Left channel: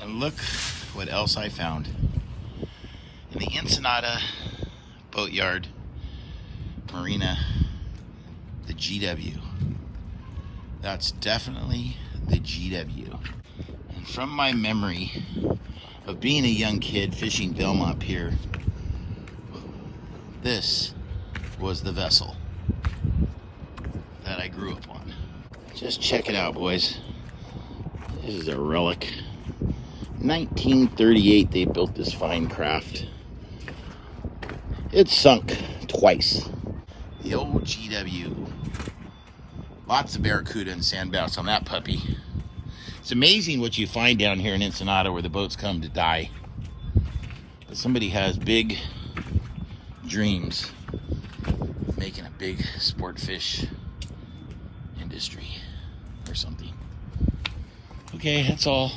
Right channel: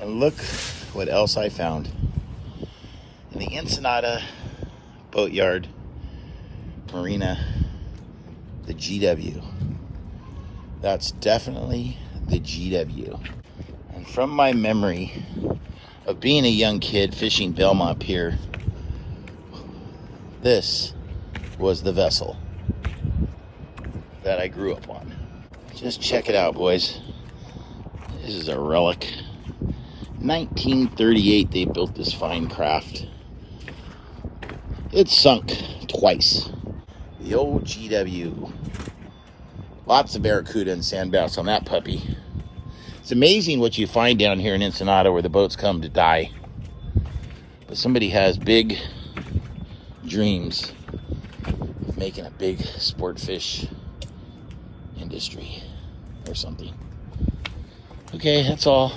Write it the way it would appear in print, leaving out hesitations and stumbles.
And look what else I found. In the Ensenada Boatyard Marina, the GW. That's definitely the GW. And from my memory of being a young kid fishing Belmonte pier, this was the vessel that I grew up on. Just check it out, boys. This is a relic. 1938 they built this fine craft. It's sunk twice. The old GW. Lots of barracuda and sandbass on that puppy. It's amazing what you find down here in Ensenada where the boats come to die. But somebody has big dreams of making a big sport fish industry or something. Okay, that's all.